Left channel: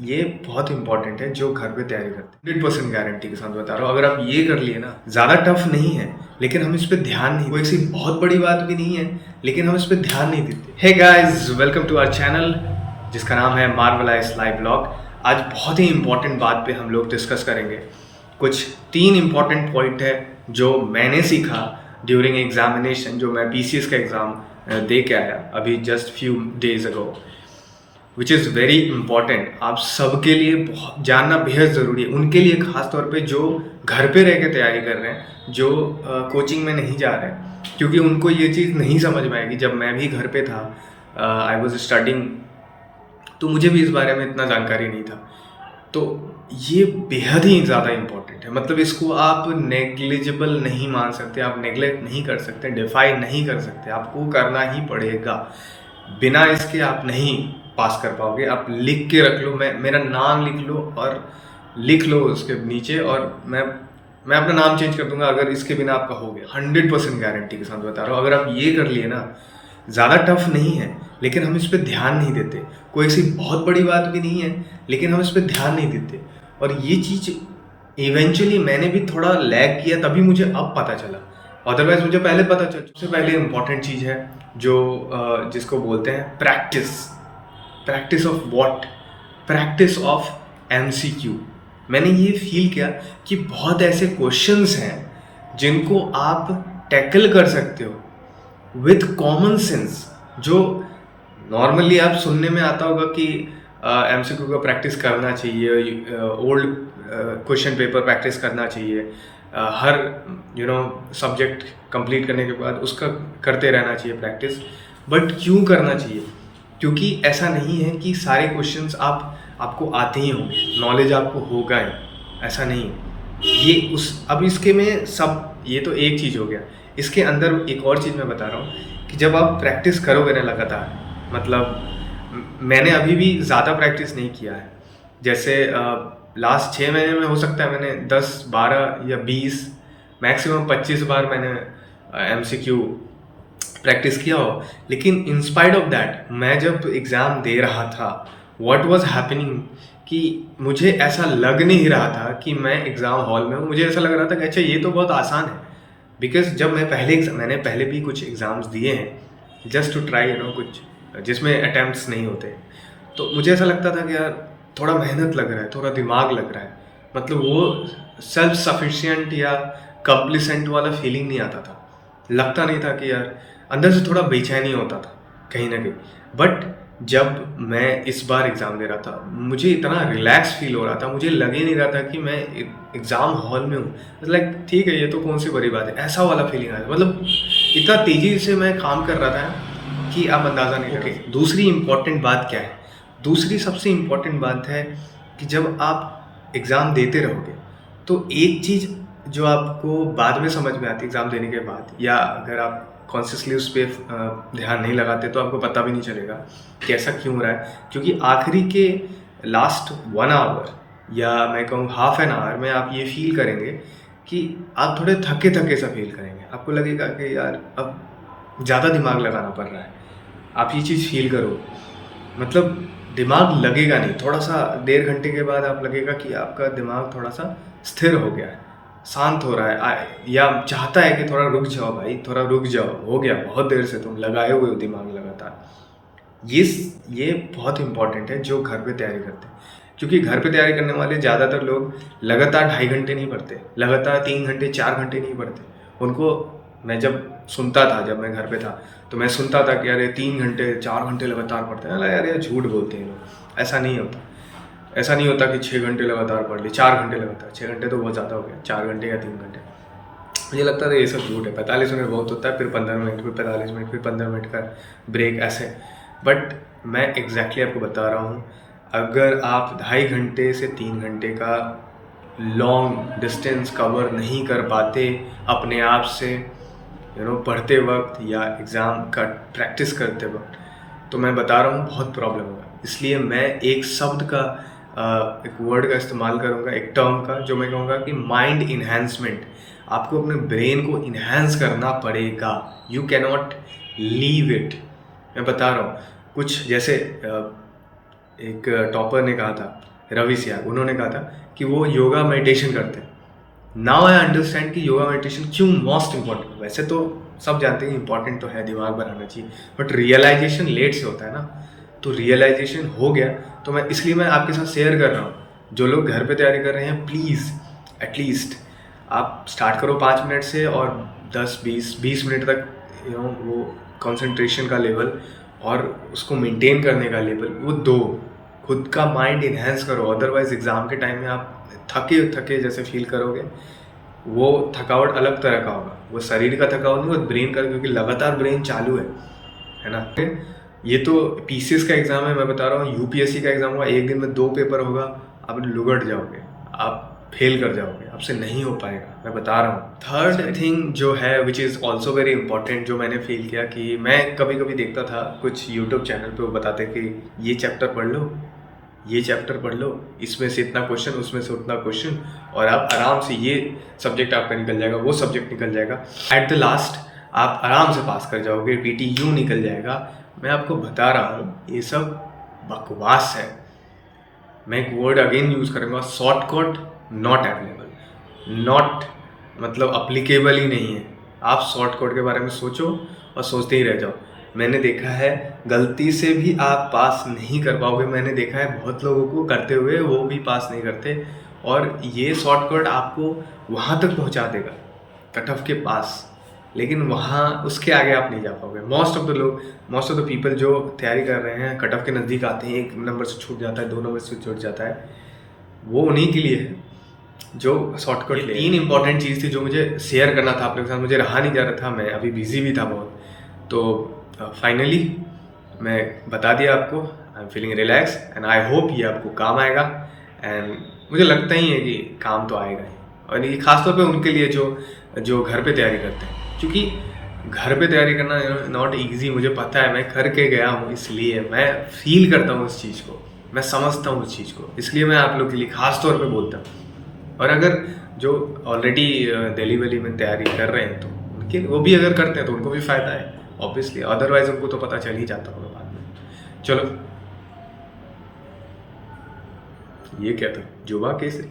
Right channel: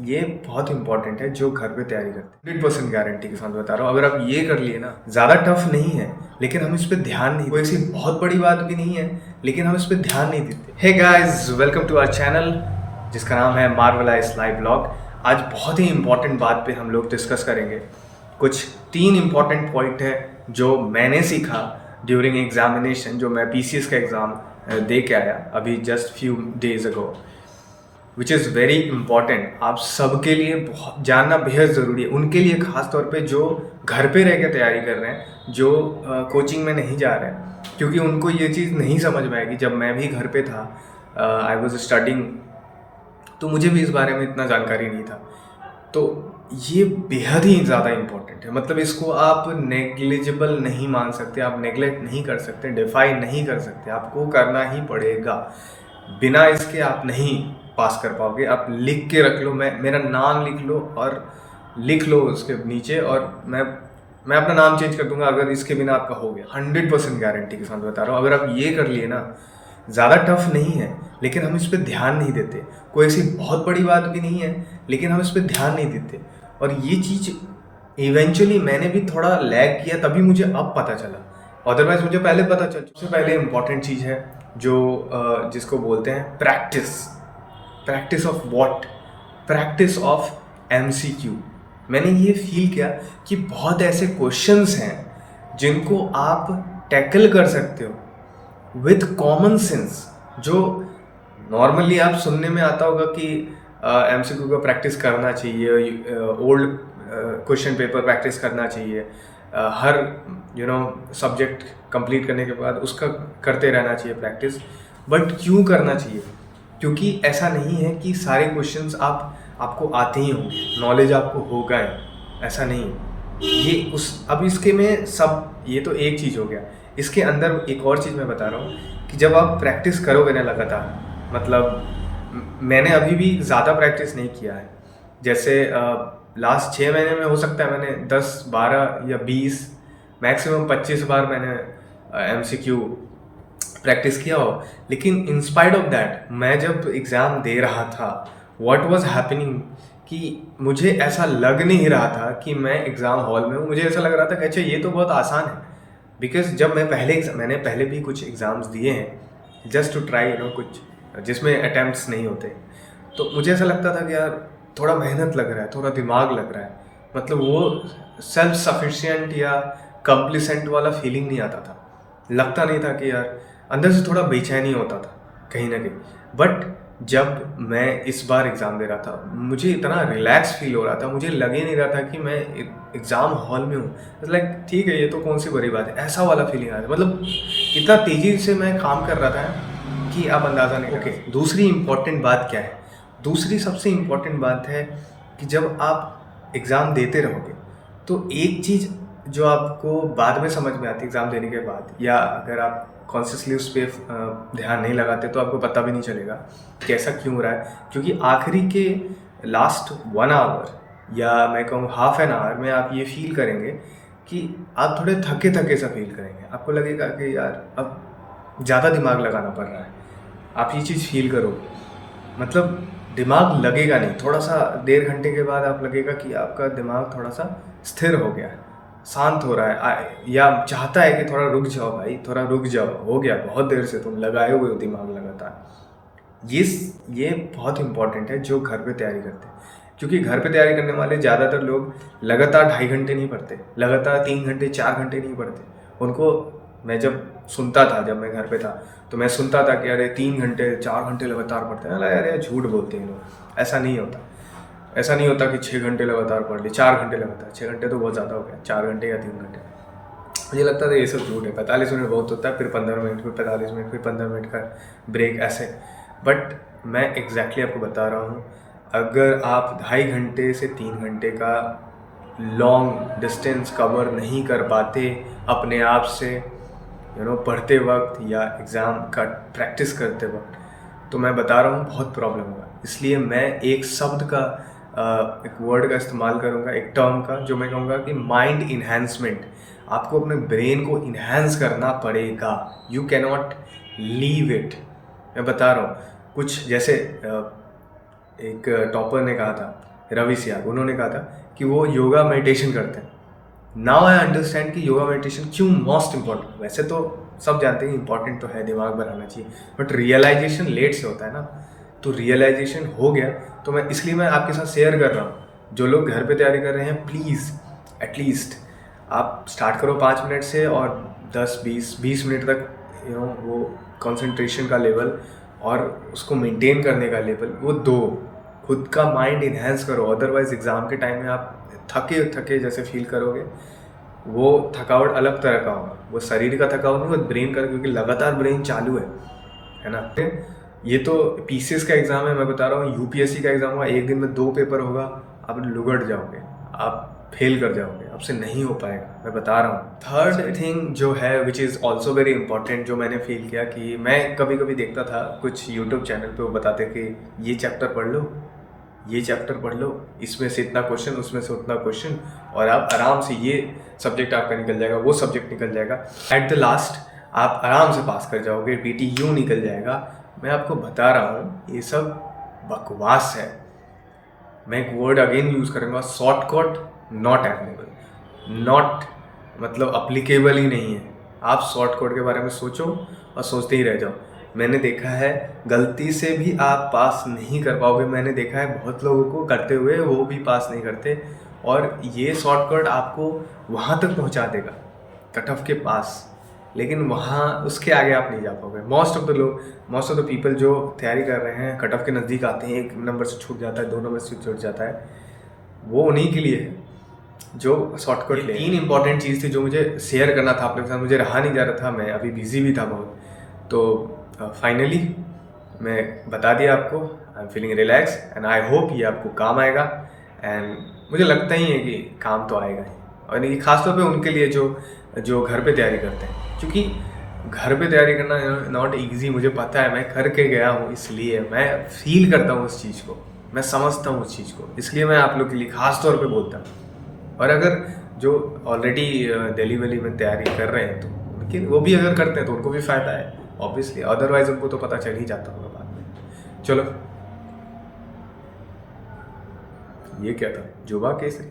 ये बहुत इंपॉर्टेंट है जो घर पे तैयारी करते हैं। 100% गारंटी के साथ बता रहा हूँ, अगर आप ये कर लिए ना, ज़्यादा टफ नहीं है, लेकिन हम इस पे ध्यान नहीं, कोई ऐसी बहुत बड़ी बात भी नहीं है, लेकिन हम इस पे ध्यान नहीं देते। Hey guys, welcome to our channel जिसका नाम है मार्वलाइज लाइव ब्लॉग। आज बहुत ही इंपॉर्टेंट बात पे हम लोग डिस्कस करेंगे। कुछ 3 इंपॉर्टेंट पॉइंट है जो मैंने सीखा ड्यूरिंग एग्जामिनेशन, जो मैं पीसीएस का एग्ज़ाम दे के आया अभी just few days ago, which is very important. आप सबके लिए बहुत जानना बेहद ज़रूरी है, उनके लिए ख़ास तौर पे जो घर पे रह के तैयारी कर रहे हैं, जो कोचिंग में नहीं जा रहे हैं, क्योंकि उनको ये चीज़ नहीं समझ में आएगी। जब मैं भी घर पे था, आई वॉज स्टडिंग, तो मुझे भी इस बारे में इतना जानकारी नहीं था। तो ये बेहद ही ज़्यादा इम्पोर्टेंट है, मतलब इसको आप नेग्लिजिबल नहीं मान सकते, आप नेग्लेक्ट नहीं कर सकते, डिफाई नहीं कर सकते, आपको करना ही पड़ेगा। बिना इसके आप नहीं पास कर पाओगे। आप लिख के रख लो, मेरा नाम लिख लो और लिख लो उसके नीचे, और मैं अपना नाम चेंज कर दूंगा अगर इसके बिना आपका हो गया। 100% गारंटी के साथ बता रहा हूँ, अगर आप ये कर लिए ना, ज़्यादा टफ नहीं है, लेकिन हम इस पर ध्यान नहीं देते। कोई ऐसी बहुत बड़ी बात भी नहीं है, लेकिन हम इस पर ध्यान नहीं देते। और ये चीज़ इवेंचुअली मैंने भी थोड़ा लैग किया, तभी मुझे अब पता चला, अदरवाइज मुझे पहले पता चल। सबसे पहले इंपॉर्टेंट चीज़ है जो जिसको बोलते हैं practice. Practice of what? Practice of MCQ. मैंने ये फील किया कि बहुत ऐसे क्वेश्चंस हैं जिनको आप टैकल कर सकते हो विथ कॉमन सेंस, जो नॉर्मली आप सुनने में आता होगा कि एमसीक्यू का प्रैक्टिस करना चाहिए, ओल्ड क्वेश्चन पेपर प्रैक्टिस करना चाहिए, हर सब्जेक्ट कंप्लीट करने के बाद उसका करते रहना चाहिए प्रैक्टिस। बट क्यों करना चाहिए? क्योंकि ऐसा नहीं है कि सारे क्वेश्चंस आपको आते ही होंगे, नॉलेज आपको होगा ही, ऐसा नहीं है। ये अब इसके में सब, ये तो एक चीज़ हो गया। इसके अंदर एक और चीज़ मैं बता रहा हूँ कि जब आप प्रैक्टिस करोगे ना लगातार, मतलब मैंने अभी भी ज़्यादा प्रैक्टिस नहीं किया है। जैसे लास्ट 6 महीने में हो सकता है मैंने 10, 12 या 20, मैक्सिमम 25 बार मैंने एमसीक्यू प्रैक्टिस किया हो। लेकिन इंस्पाइट ऑफ दैट, मैं जब एग्ज़ाम दे रहा था, व्हाट वाज हैपनिंग कि मुझे ऐसा लग नहीं रहा था कि मैं एग्ज़ाम हॉल में हूँ। मुझे ऐसा लग रहा था कि अच्छा ये तो बहुत आसान है। बिकॉज जब मैंने पहले भी कुछ एग्ज़ाम्स दिए हैं जस्ट टू ट्राई कुछ जिसमें अटैम्प्ट्स नहीं होते, तो मुझे ऐसा लगता था कि यार थोड़ा मेहनत लग रहा है, थोड़ा दिमाग लग रहा है, मतलब वो सेल्फ सफिशिएंट या कंप्लीसेंट वाला फीलिंग नहीं आता था। लगता नहीं था कि यार, अंदर से थोड़ा बेचैनी होता था कहीं ना कहीं। बट जब मैं इस बार एग्ज़ाम दे रहा था, मुझे इतना रिलैक्स फील हो रहा था, मुझे लग ही नहीं रहा था कि मैं एग्ज़ाम हॉल में हूँ। लाइक ठीक है, ये तो कौन सी बड़ी बात है, ऐसा वाला फीलिंग आया था। मतलब इतना तेज़ी से मैं काम कर रहा था कि आप अंदाज़ा नहीं लगा। दूसरी इम्पॉर्टेंट बात क्या है? दूसरी सबसे इम्पॉर्टेंट बात है कि जब आप एग्ज़ाम देते रहोगे, तो एक चीज़ जो आपको बाद में समझ में आती है एग्ज़ाम देने के बाद, या अगर आप कॉन्शियसली उस पर ध्यान नहीं लगाते तो आपको पता भी नहीं चलेगा कि ऐसा क्यों हो रहा है। क्योंकि आखिरी के लास्ट 1 आवर या मैं कहूँ हाफ एन आवर में आप ये फील करेंगे कि आप थोड़े थके थके सा फील करेंगे। आपको लगेगा कि यार अब ज़्यादा दिमाग लगाना पड़ रहा है। आप ये चीज़ फील करो, मतलब दिमाग लगेगा नहीं। थोड़ा सा 1.5 घंटे के बाद आप लगेगा कि आपका दिमाग थोड़ा सा स्थिर हो गया है, शांत हो रहा है, या चाहता है कि थोड़ा रुक जाओ भाई, थोड़ा रुक जाओ, हो गया, बहुत देर से तुम लगाए हुए हो दिमाग लगातार। ये बहुत इंपॉर्टेंट है जो घर पे तैयारी करते हैं। क्योंकि घर पे तैयारी करने वाले ज़्यादातर लोग लगातार 2.5 घंटे नहीं पढ़ते, लगातार 3 घंटे 4 घंटे नहीं पढ़ते। उनको, मैं जब सुनता था, जब मैं घर पे था, तो मैं सुनता था कि अरे 3 घंटे 4 घंटे लगातार पढ़ते हैं। अरे यार झूठ बोलते हैं लोग, ऐसा नहीं होता। ऐसा नहीं होता कि 6 घंटे लगातार पढ़ लिए, 4 घंटे लगातार। 6 घंटे तो बहुत ज़्यादा हो गया, 4 घंटे या 3 घंटे मुझे लगता था ये सब झूठ है। 45 मिनट बहुत होता है, फिर 15 मिनट, फिर 45 मिनट, फिर 15 मिनट का ब्रेक, ऐसे। बट मैं एग्जैक्टली आपको बता रहा हूँ, अगर आप 2.5 घंटे से 3 घंटे का लॉन्ग डिस्टेंस कवर नहीं कर पाते अपने आप से, पढ़ते वक्त या एग्ज़ाम का प्रैक्टिस करते वक्त, तो मैं बता रहा हूँ बहुत प्रॉब्लम होगा। इसलिए मैं एक शब्द का, एक वर्ड का इस्तेमाल करूँगा, एक टर्म का, जो मैं कहूँगा कि माइंड इन्हेंसमेंट। आपको अपने ब्रेन को इन्हेंस करना पड़ेगा। You cannot leave it. मैं बता रहा हूँ कुछ, जैसे एक टॉपर ने कहा था रवि सियाग, उन्होंने कहा था कि वो योगा मेडिटेशन करते हैं। नाउ आई अंडरस्टैंड कि योगा मेडिटेशन क्यों मोस्ट इंपॉर्टेंट। वैसे तो सब जानते हैं कि इंपॉर्टेंट तो है, दिमाग बनाना चाहिए, बट रियलाइजेशन लेट से होता है ना। तो रियलाइजेशन हो गया, तो इसलिए मैं आपके साथ शेयर कर रहा हूँ। जो लोग घर पे तैयारी कर रहे हैं, प्लीज़ एटलीस्ट आप स्टार्ट करो 5 मिनट से, और 10-20 मिनट तक वो कंसंट्रेशन का लेवल और उसको मेंटेन करने का लेवल वो दो। खुद का माइंड इन्हेंस करो, अदरवाइज एग्ज़ाम के टाइम में आप थके थके जैसे फील करोगे। वो थकावट अलग तरह का होगा, वो शरीर का थकावट नहीं, वो ब्रेन का, क्योंकि लगातार ब्रेन चालू है ना। ये तो पीसीएस का एग्ज़ाम है, मैं बता रहा हूँ, यूपीएससी का एग्ज़ाम होगा, एक दिन में 2 पेपर होगा, आप लुगड़ जाओगे, आप फेल कर जाओगे, आपसे नहीं हो पाएगा, मैं बता रहा हूँ। थर्ड थिंग जो है which is also very important, जो मैंने फील किया कि मैं कभी कभी देखता था कुछ यूट्यूब चैनल पे, वो बताते कि ये चैप्टर पढ़ लो, ये चैप्टर पढ़ लो, इसमें से इतना क्वेश्चन, उसमें से उतना क्वेश्चन, और आप आराम से ये सब्जेक्ट आपका निकल जाएगा, वो सब्जेक्ट निकल जाएगा, एट द लास्ट आप आराम से पास कर जाओगे, PTU निकल जाएगा। मैं आपको बता रहा हूँ ये सब बकवास है। मैं एक वर्ड अगेन यूज़ करूँगा, शॉर्टकट नॉट अवेलेबल, नॉट मतलब अप्लीकेबल ही नहीं है। आप शॉर्टकट के बारे में सोचो और सोचते ही रह जाओ। मैंने देखा है गलती से भी आप पास नहीं कर पाओगे, मैंने देखा है बहुत लोगों को करते हुए, वो भी पास नहीं करते, और ये शॉर्टकट आपको वहाँ तक पहुँचा देगा, कट ऑफ के पास, लेकिन वहाँ उसके आगे आप नहीं जा पाओगे। मोस्ट ऑफ द पीपल जो तैयारी कर रहे हैं, कट ऑफ के नज़दीक आते हैं, 1 नंबर से छूट जाता है, 2 नंबर से छूट जाता है, वो उन्हीं के लिए है जो शॉर्टकट ले। 3 इंपॉर्टेंट चीज़ थी जो मुझे शेयर करना था आप लोगों के साथ, मुझे रहा नहीं जा रहा था, मैं अभी बिजी भी था बहुत, तो फाइनली मैं बता दिया आपको। I am feeling relax and I hope ये आपको काम आएगा, एंड मुझे लगता ही है कि काम तो आएगा ही, और ये खासतौर पे उनके लिए जो घर पे तैयारी करते हैं, क्योंकि घर पे तैयारी करना नॉट इजी, मुझे पता है, मैं करके गया हूँ, इसलिए मैं फील करता हूँ उस चीज़ को, मैं समझता हूँ उस चीज़ को, इसलिए मैं आप लोग के लिए खास तौर पे बोलता हूँ। और अगर जो ऑलरेडी दिल्ली वैली में तैयारी कर रहे हैं, तो उनके वो भी अगर करते हैं तो उनको भी फ़ायदा है ऑब्वियसली, अदरवाइज़ उनको तो पता चल ही जाता होगा बाद में। चलो, ये क्या था, जुबा केसरी।